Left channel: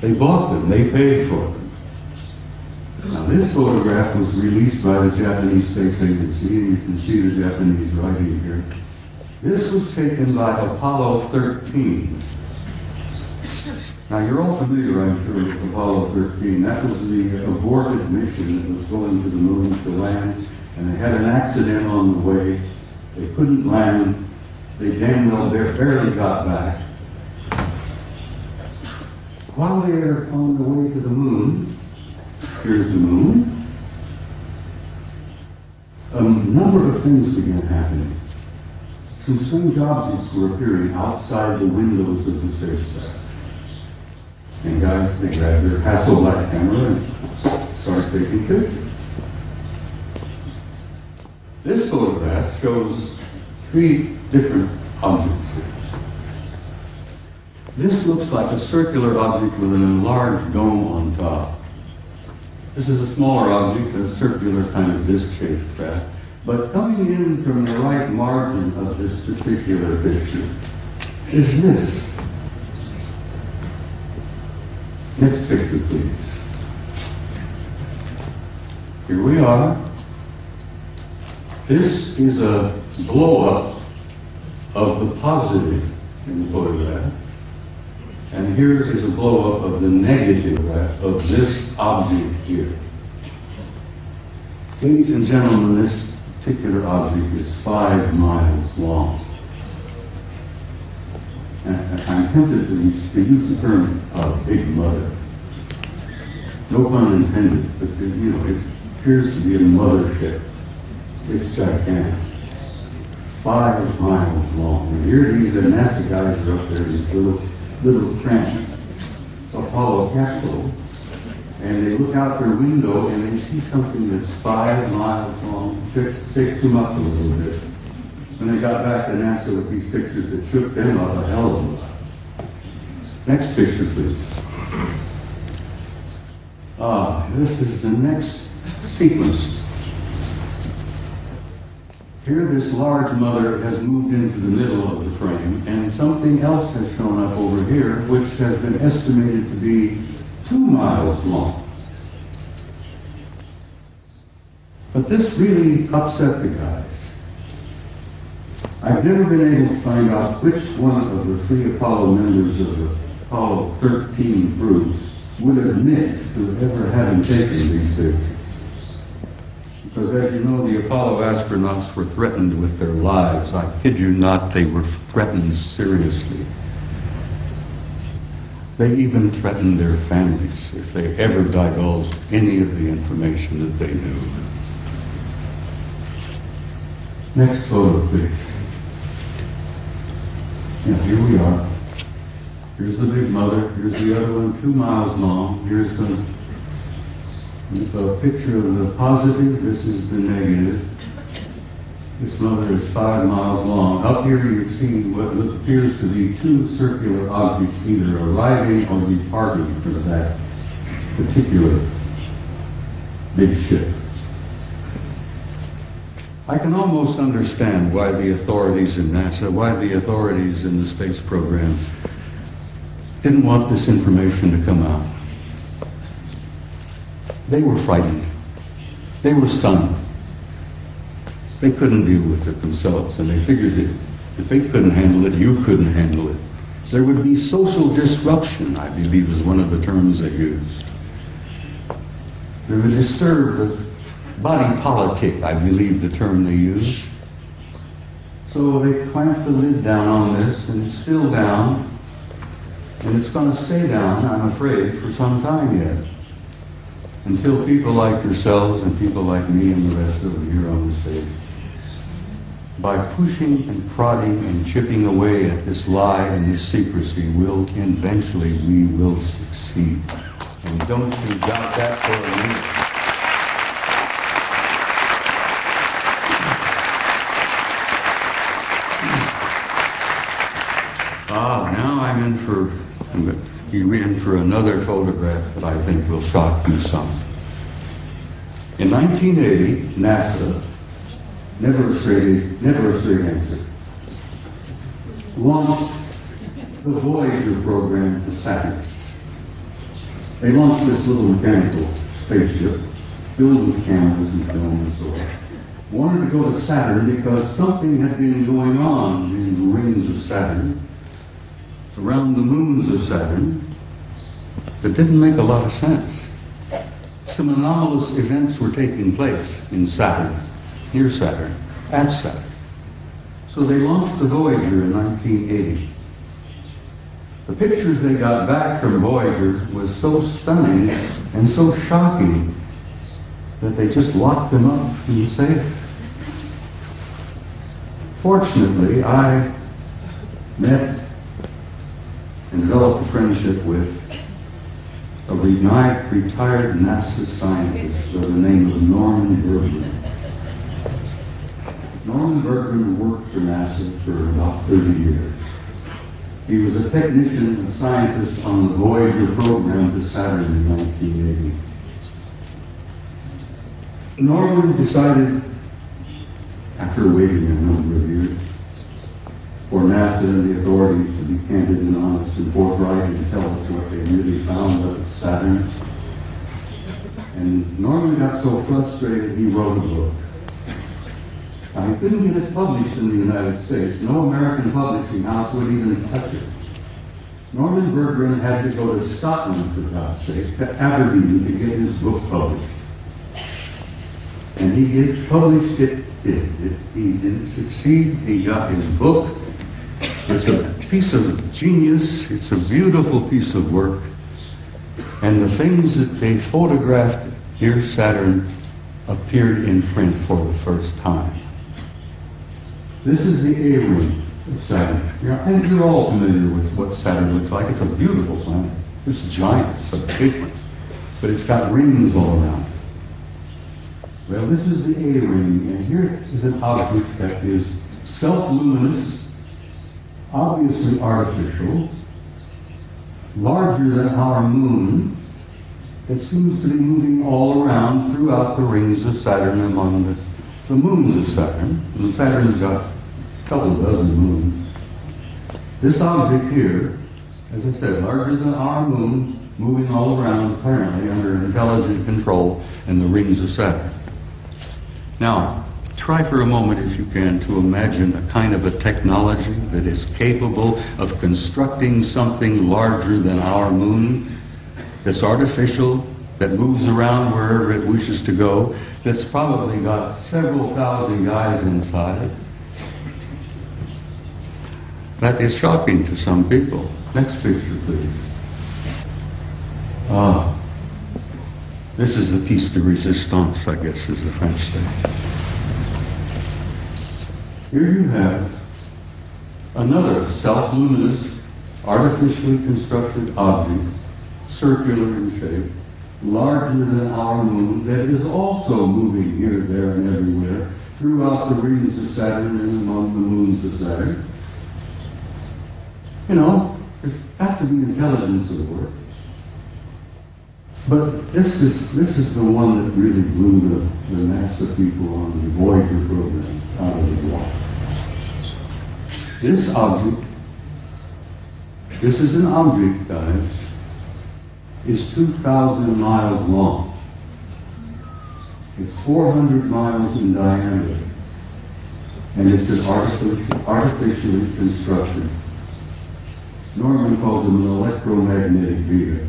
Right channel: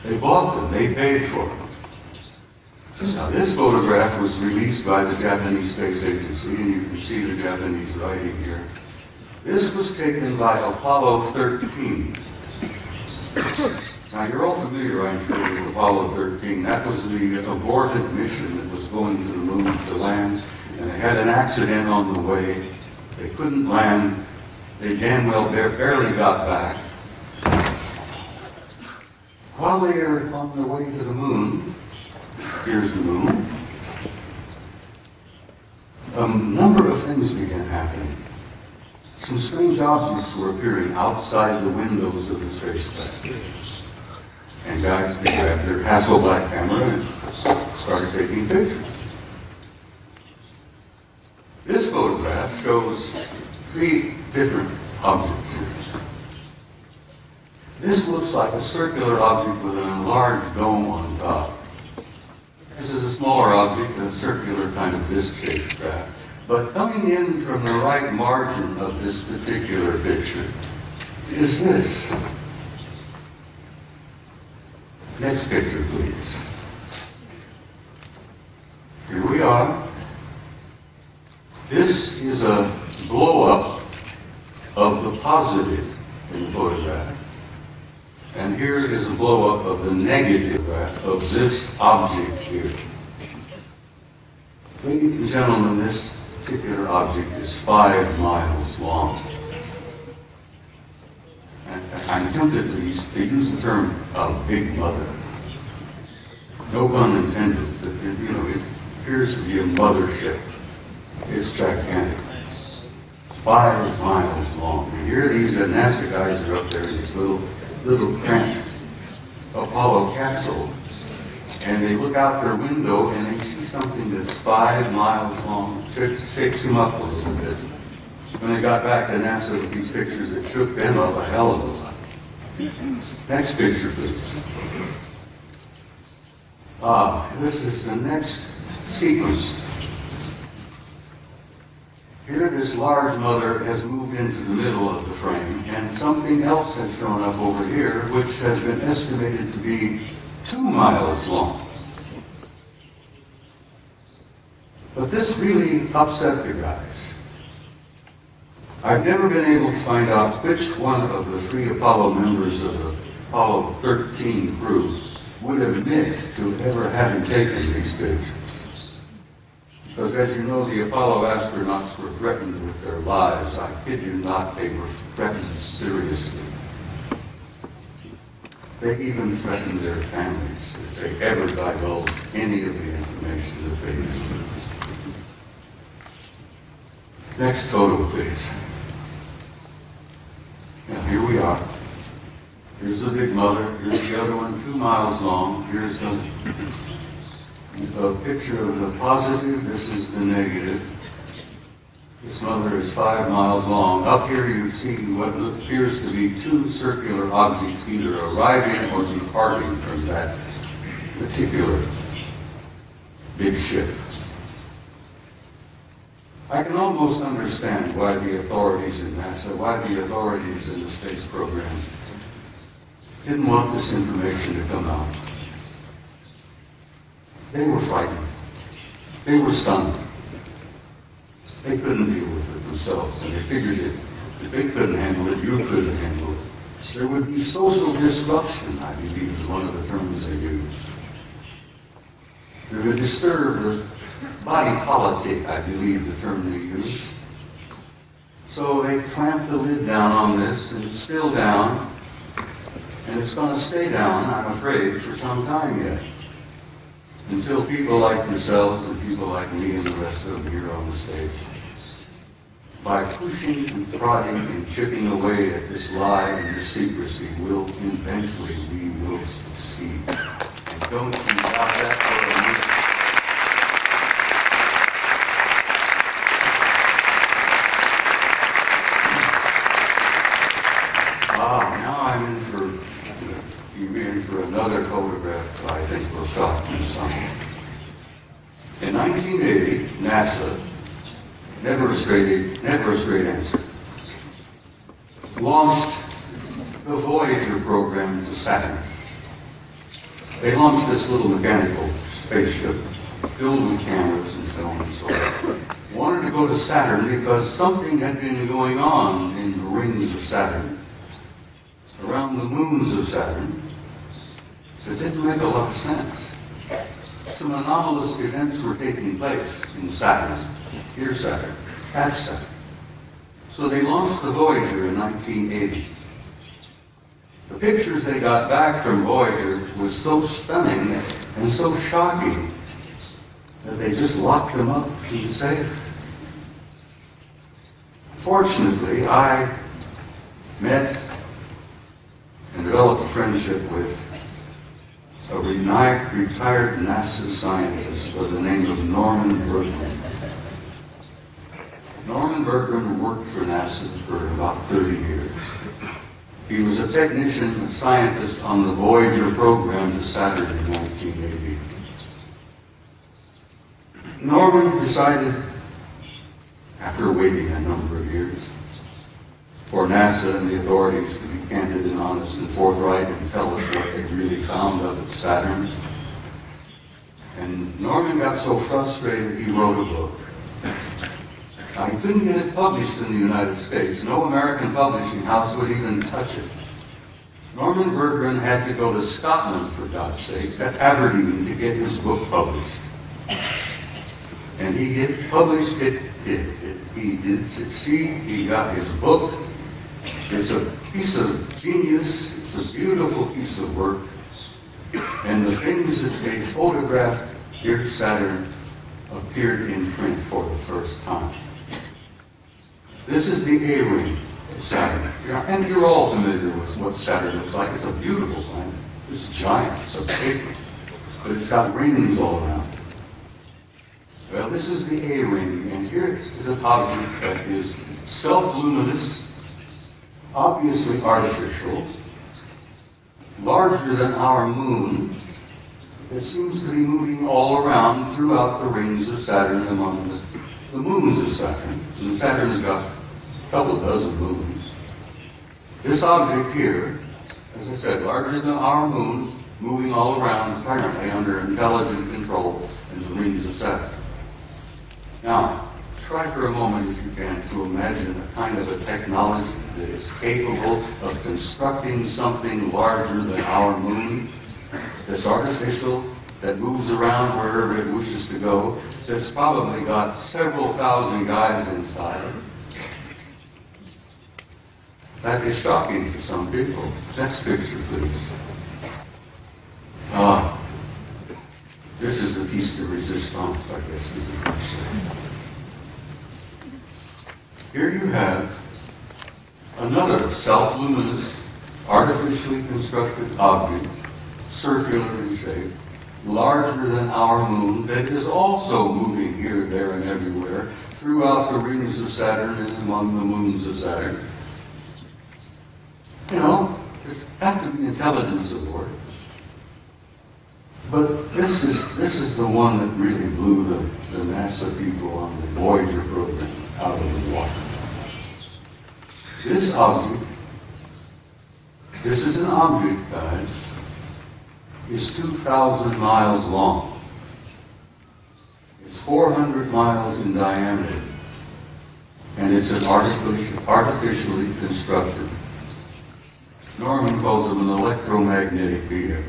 They bought them. They paid for them. Now, this photograph was released by the Japanese Space Agency, and you can see the Japanese writing here. This was taken by Apollo 13. Now, you're all familiar, I'm sure, with Apollo 13. That was the aborted mission that was going to the moon to land, and they had an accident on the way. They couldn't land. They damn well barely got back. While they are on their way to the moon, here's the moon, a number of things began happening. Some strange objects were appearing outside the windows of the spacecraft. And guys, they grabbed their Hasselblad camera and started taking pictures. This photograph shows 3 different objects here. This looks like a circular object with an enlarged dome on top. This is a smaller object, a circular kind of disc-shaped craft. But coming in from the right margin of this particular picture is this. Next picture, please. Here we are. This is a blow-up of the positive in the photograph. And here is a blow-up of the negative of this object here. Ladies and gentlemen, this particular object is 5 miles long. And I'm tempted to use the term Big Mother. No pun intended, but it appears to be a mothership. It's gigantic. 5 miles long. And here these NASA guys are up there in this little cramped Apollo capsule, and they look out their window and they see something that's 5 miles long. Shakes them up a little bit. When they got back to NASA with these pictures, that shook them up a hell of a lot. Next picture, please. This is the next sequence. Here, this large mother has moved into the middle of the frame, and something else has shown up over here, which has been estimated to be 2 miles long. But this really upset the guys. I've never been able to find out which one of the 3 Apollo members of the Apollo 13 crew would admit to ever having taken these pictures. Because as you know, the Apollo astronauts were threatened with their lives. I kid you not, they were threatened seriously. They even threatened their families if they ever divulged any of the information that they knew. Next photo, please. Now, here we are. Here's the Big Mother. Here's the other one, 2 miles long. Here's a picture of the positive. This is the negative. This mother is 5 miles long. Up here you see what appears to be 2 circular objects either arriving or departing from that particular big ship. I can almost understand why the authorities in NASA, why the authorities in the space program didn't want this information to come out. They were frightened. They were stunned. They couldn't deal with it themselves, and they figured if they couldn't handle it, you couldn't handle it. There would be social disruption, I believe is one of the terms they used. They would disturb the body politic, I believe the term they used. So they clamped the lid down on this, and it's still down, and it's going to stay down, I'm afraid, for some time yet. Until people like yourselves and people like me and the rest of them here on the stage, by pushing and prodding and chipping away at this lie and this secrecy, eventually we will succeed. And don't you doubt that for a minute. You're in for another photograph that I think will shock you some. In 1980, NASA, never a straight answer, launched the Voyager program to Saturn. They launched this little mechanical spaceship filled with cameras and film and so on. Wanted to go to Saturn because something had been going on in the rings of Saturn, around the moons of Saturn, that didn't make a lot of sense. Some anomalous events were taking place in Saturn, near Saturn, at Saturn. So they launched the Voyager in 1980. The pictures they got back from Voyager was so stunning and so shocking that they just locked them up in the safe. Fortunately, I met and developed a friendship with a retired NASA scientist by the name of Norman Bergman. Norman Bergman worked for NASA for about 30 years. He was a technician, a scientist on the Voyager program to Saturn in 1980. Norman decided, after waiting a number of years, for NASA and the authorities to be candid and honest and forthright and tell us what they really found up at Saturn. And Norman got so frustrated he wrote a book. Now, he couldn't get it published in the United States. No American publishing house would even touch it. Norman Bergman had to go to Scotland, for God's sake, to Aberdeen to get his book published. And he published it. He didn't succeed. He got his book. It's a piece of genius. It's a beautiful piece of work. And the things that they photographed near Saturn appeared in print for the first time. This is the A-ring of Saturn. And you're all familiar with what Saturn looks like. It's a beautiful planet. It's giant. It's a big one. But it's got rings all around. Well, this is the A-ring, and here is an object that is self-luminous, obviously artificial, larger than our moon, that seems to be moving all around throughout the rings of Saturn among the moons of Saturn. And Saturn's got a couple of dozen moons. This object here, as I said, larger than our moon, moving all around, apparently under intelligent control in the rings of Saturn. Now, try for a moment, if you can, to imagine a kind of a technology that is capable of constructing something larger than our moon, that's artificial, that moves around wherever it wishes to go, that's probably got several thousand guys inside. That is shocking to some people. Next picture, please. This is the piece de resistance, I guess, is the French thing. Here you have another self-luminous, artificially constructed object, circular in shape, larger than our moon, that is also moving here, there, and everywhere throughout the rings of Saturn and among the moons of Saturn. You know, there's got to be intelligence at work. But this is the one that really blew the NASA people on the Voyager program out of the water. This object, this is an object, guys, is 2,000 miles long. It's 400 miles in diameter. And it's an artificially constructed, Norman calls them an electromagnetic vehicle.